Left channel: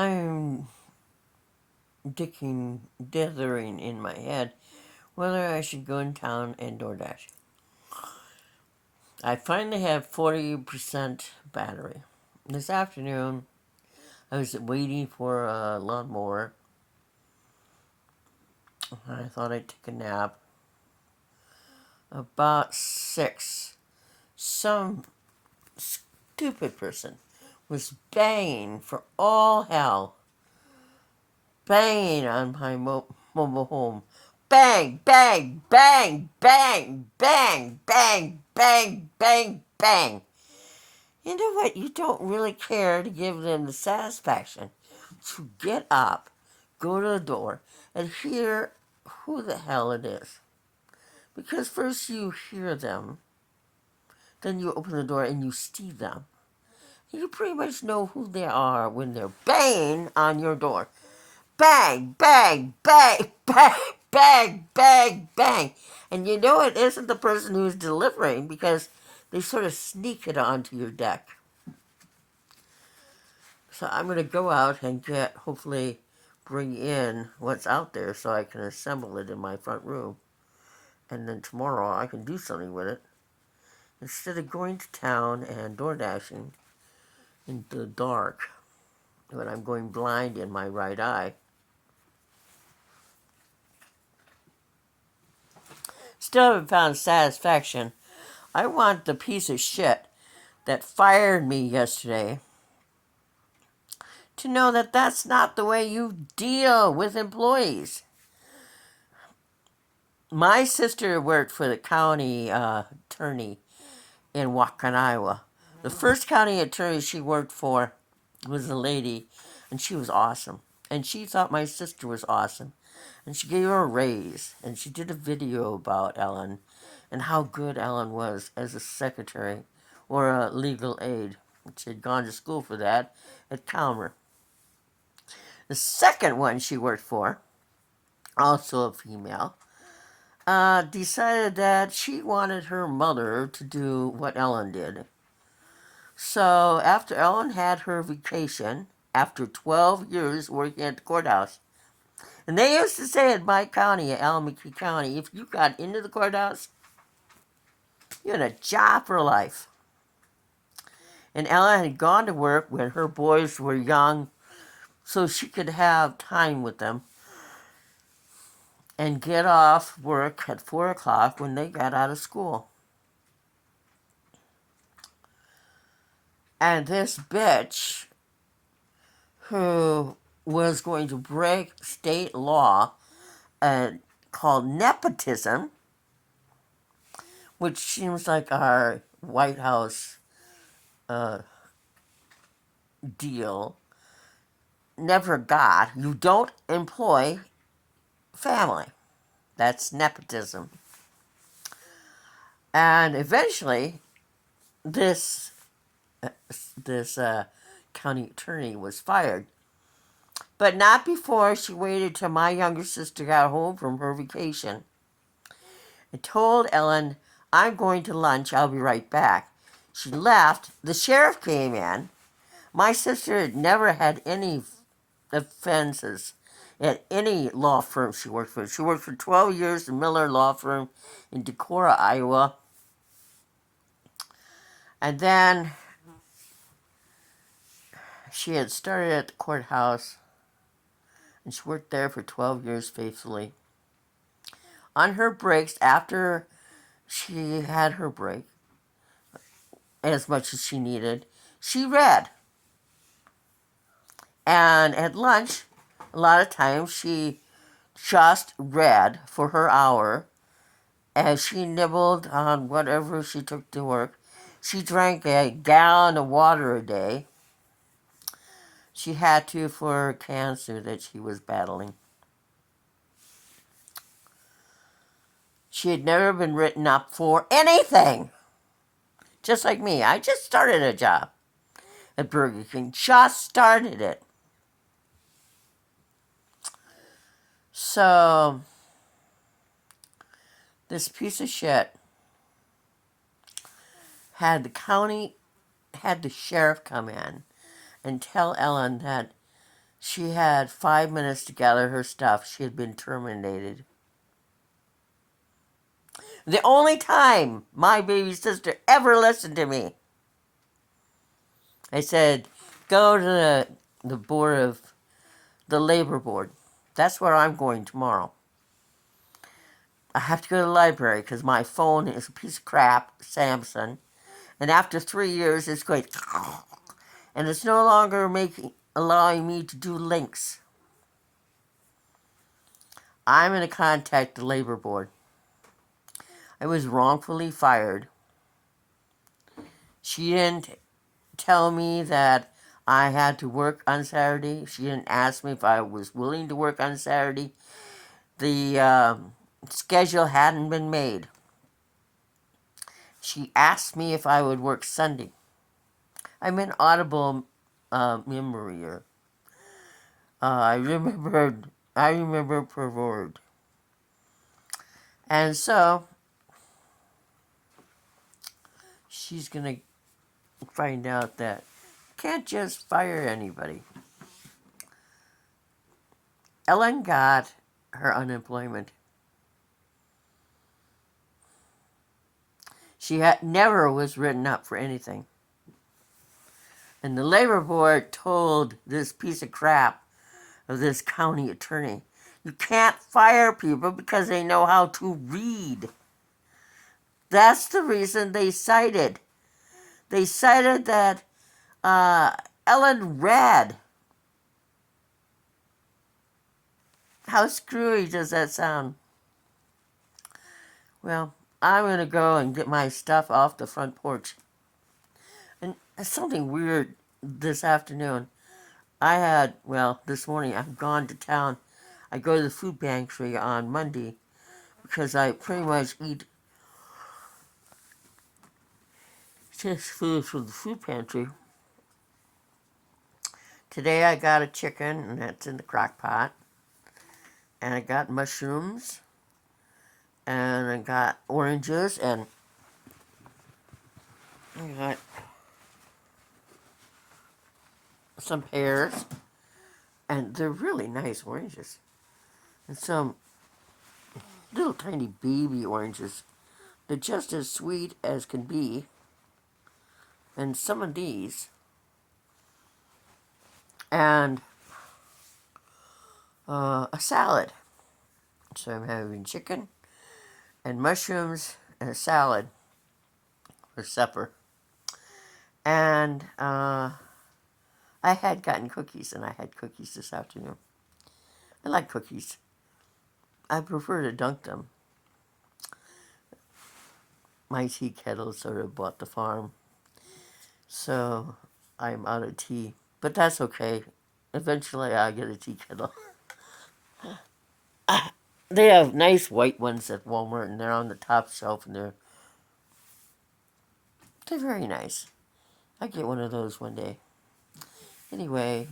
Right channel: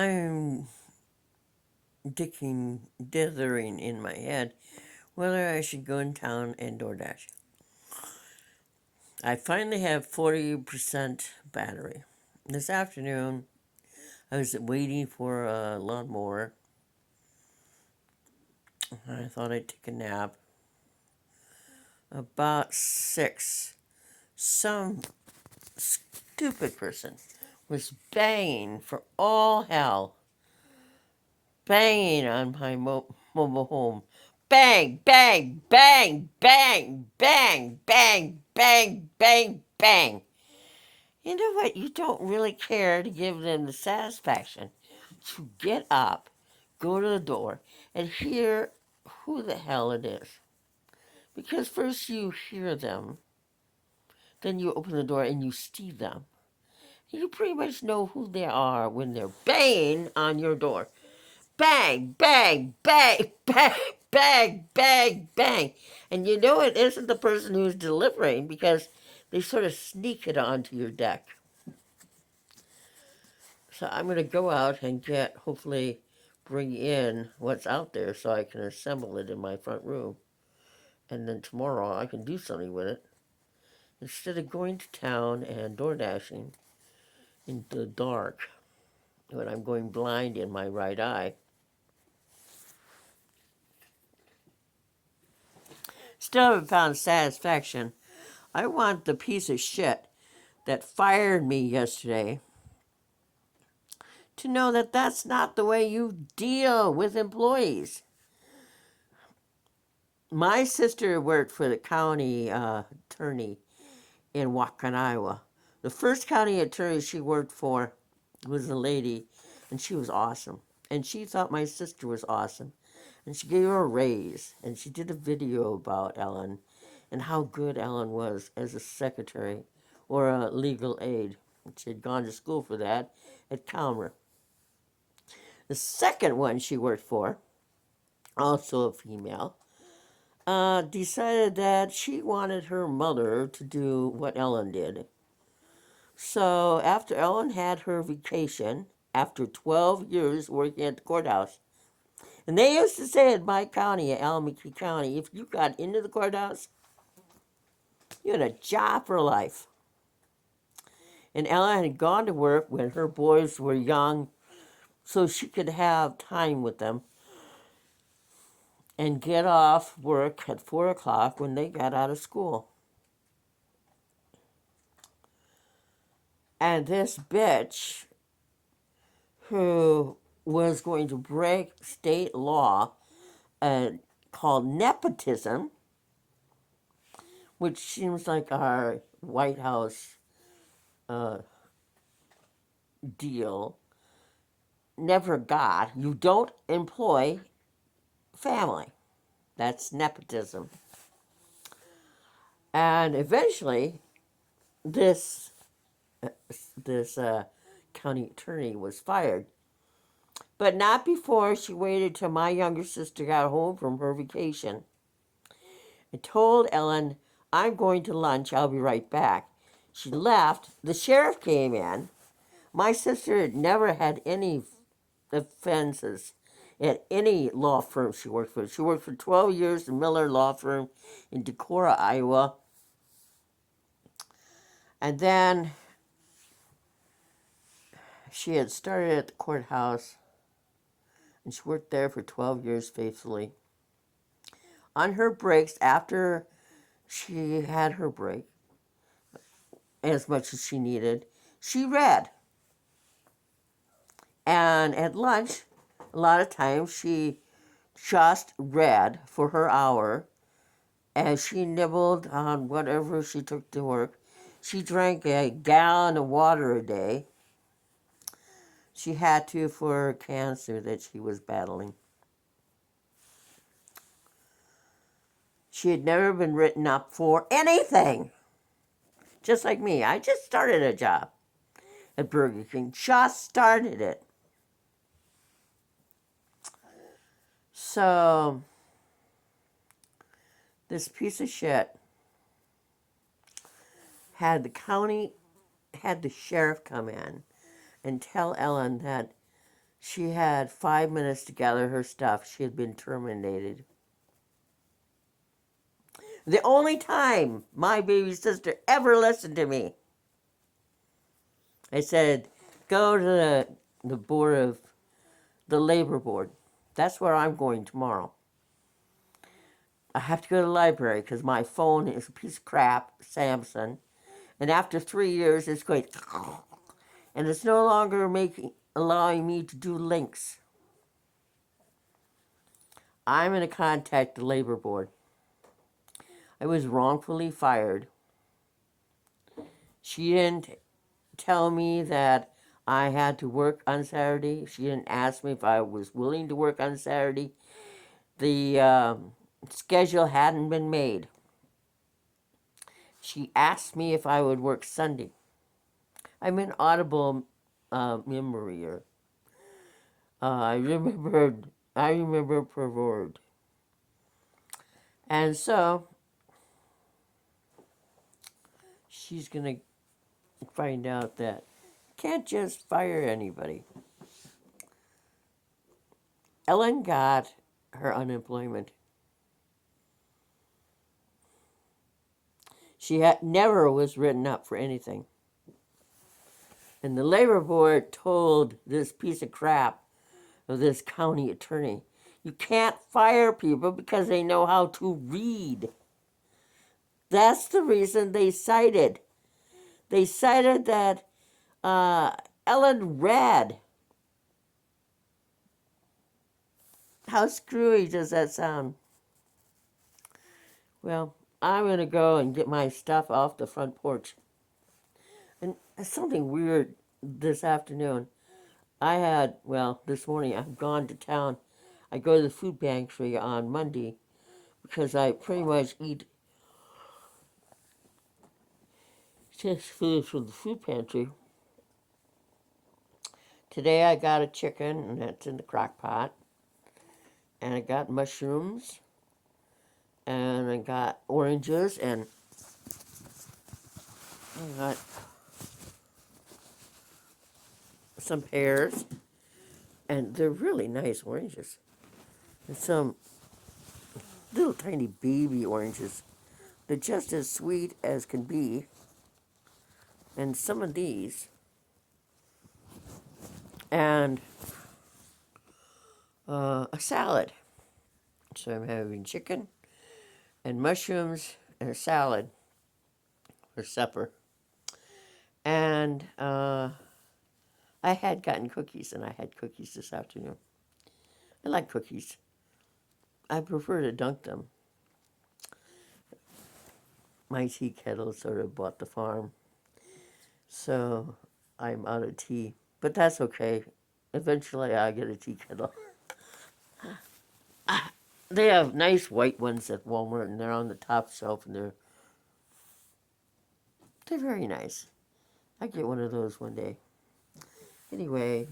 I'm dithering in my head whether I should go in town and DoorDash. I finally have 40% battery. This afternoon, I was waiting for a lawnmower. I thought I'd take a nap. About 6, some stupid person was banging for all hell. Banging on my mobile home. Bang, bang, bang, bang, bang, bang, bang, bang, bang. You know what? You don't really care to give them the satisfaction to get up, go to the door, and hear who the hell it is. Because first you hear them, then you open the door and you see them. You pretty much know who they are when they're banging on your door. Bang, bang, bang, bang, bang, bang, bang. And you know it isn't the person who's delivering because they sort of sneak it onto your deck. So I'm going to go out and hopefully bring in what's out there so I can assemble it in my front room. And then tomorrow I can do something with it. Instead of going to town and door dashing in the dark when I'm going blind in my right eye. Still haven't found satisfaction. I want the piece of shit that fired me yesterday to know that that's not the way you deal with employees. My sister worked for the county attorney in Waukon, Iowa. The first county attorney she worked for was a lady, and she was awesome. And she thought my sister was awesome. And she gave her a raise, and she did a video about Ellen and how good Ellen was as a secretary or a legal aid. She had gone to school for that at Calmer. The second one she worked for, also a female, decided that she wanted her mother to do what Ellen did. So after Ellen had her vacation, after 12 years working at the courthouse, and they used to say in my county, Alameda County, if you got into the courthouse, you had a job for life. And Ellen had gone to work when her boys were young so she could have time with them and get off work at 4 o'clock when they got out of school. And this bitch, who was going to break state law called nepotism, which seems like our White House deal, never got. You don't employ family. That's nepotism. And eventually, this county attorney was fired. But not before she waited till my younger sister got home from her vacation and told Ellen, I'm going to lunch, I'll be right back. She left. The sheriff came in. My sister had never had any offenses at any law firm she worked for. She worked for 12 years at Miller Law Firm in Decorah, Iowa. And then she had started at the courthouse, and she worked there for 12 years faithfully. On her breaks, after she had her break, as much as she needed, she read. And at lunch, a lot of times she just read for her hour as she nibbled on whatever she took to work. She drank a gallon of water a day. She had to for cancer that she was battling. She had never been written up for anything. Just like me. I just started a job at Burger King. Just started it. So, this piece of shit had the sheriff come in and tell Ellen that She had 5 minutes to gather her stuff. She had been terminated. The only time my baby sister ever listened to me. I said, go to the board of the labor board. That's where I'm going tomorrow. I have to go to the library because my phone is a piece of crap, Samsung. And after 3 years, it's going, and it's no longer allowing me to do links. I'm going to contact the labor board. I was wrongfully fired. She didn't tell me that I had to work on Saturday. She didn't ask me if I was willing to work on Saturday. The schedule hadn't been made. She asked me if I would work Sunday. I'm an audible memory. I remember per word. And so she's gonna find out that you can't just fire anybody. Ellen got her unemployment. She never was written up for anything. And the labor board told this piece of crap of this county attorney, you can't fire people because they know how to read. That's the reason they cited. They cited that Ellen read. How screwy does that sound? Well, I'm going to go and get my stuff off the front porch. And something weird this afternoon. This morning I've gone to town. I go to the food pantry on Monday because I pretty much eat just food from the food pantry. Today I got a chicken, and that's in the crock pot. And I got mushrooms. And I got oranges, and I got some pears. And they're really nice oranges. And some little tiny baby oranges. They're just as sweet as can be. And some of these. And a salad. So I'm having chicken and mushrooms and a salad for supper. And I had gotten cookies, and I had cookies this afternoon. I like cookies. I prefer to dunk them. My tea kettle sort of bought the farm, so I'm out of tea. But that's okay. Eventually I'll get a tea kettle. They have nice white ones at Walmart, and they're on the top shelf, and they're very nice. I get one of those one day. Anyway,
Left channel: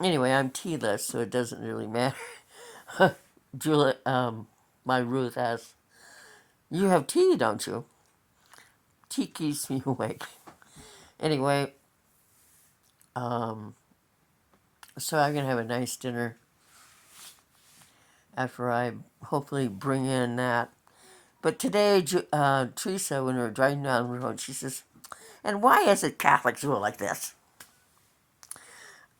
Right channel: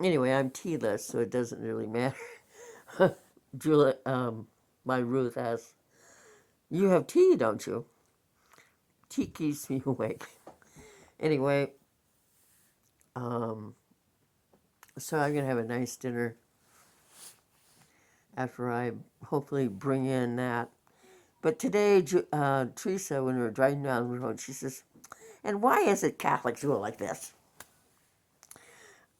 anyway, I'm tealess, so it doesn't really matter. Julie, my Ruth asks, you have tea, don't you? Tea keeps me awake. Anyway, so I'm going to have a nice dinner after I hopefully bring in that. But today, Teresa, when we were driving down the road, she says, and why is it Catholics who are like this?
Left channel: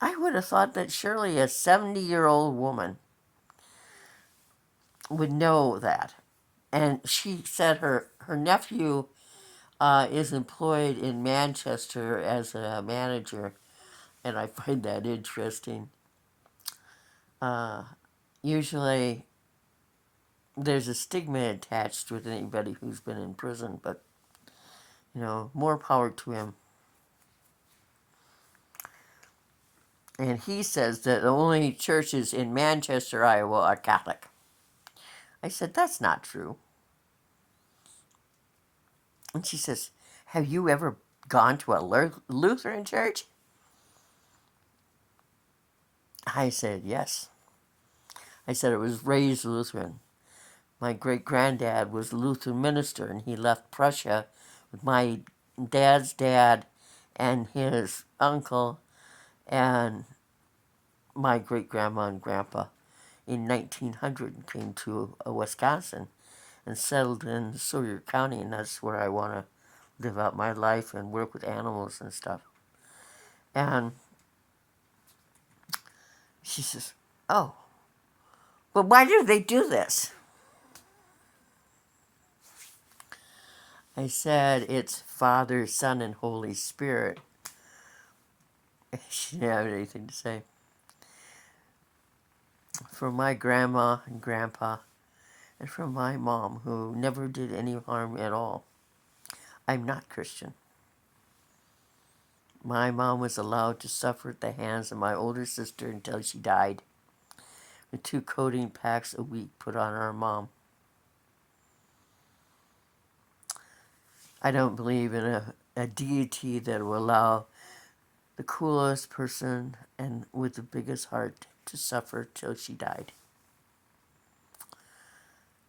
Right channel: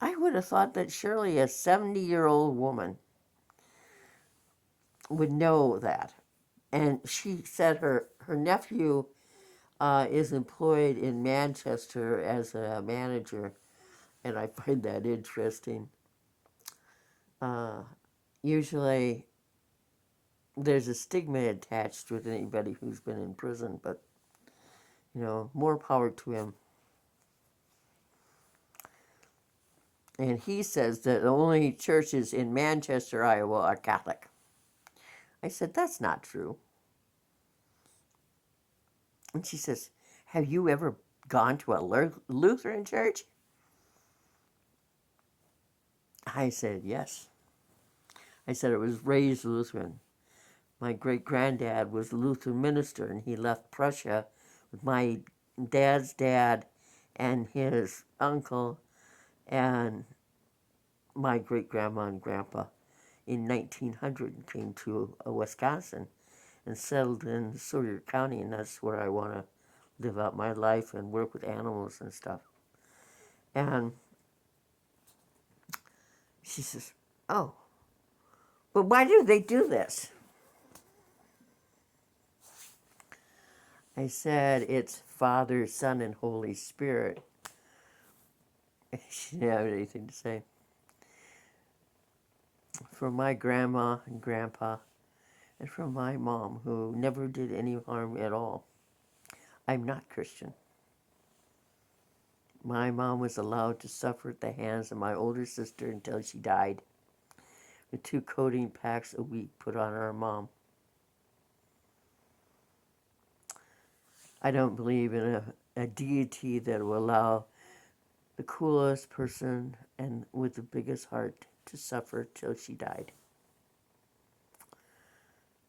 I would have thought that surely a 70-year-old woman would know that. And she said her nephew is employed in Manchester as a manager, and I find that interesting. Usually there's a stigma attached with anybody who's been in prison, but, more power to him. And he says that the only churches in Manchester, Iowa are Catholic. I said, that's not true. And she says, have you ever gone to a Lutheran church? I said, yes. I said, I was raised Lutheran. My great-granddad was a Lutheran minister, and he left Prussia with my dad's dad and his uncle and my great grandma and grandpa in 1900 came to Wisconsin and settled in Sawyer County, and that's where I want to live out my life and work with animals and stuff. And she says, "Oh, but why do they do this?" I said, "It's Father, Son, and Holy Spirit." She didn't have anything to say. For my grandma and grandpa, and for my mom, who never did any harm at all, I'm not Christian. My mom was allowed to suffer at the hands of my older sister until she died, with 2 codeine packs a week put on our mom. I don't believe in a deity that will allow the coolest person and with the biggest heart to suffer till she died.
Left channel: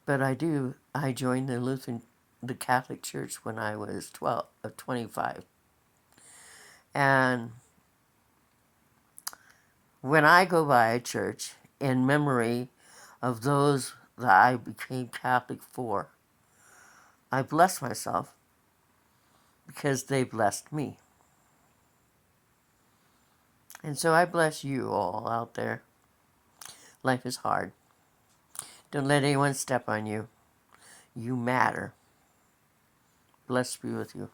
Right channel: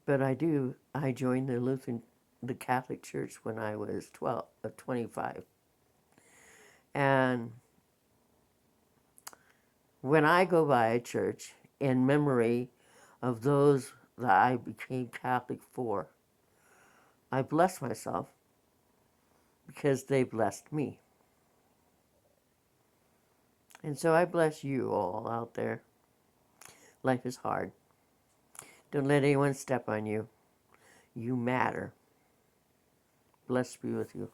But I joined the Catholic Church when I was 25. And when I go by a church in memory of those that I became Catholic for, I bless myself because they blessed me. And so I bless you all out there. Life is hard. Don't let anyone step on you. You matter. Blessed be with you.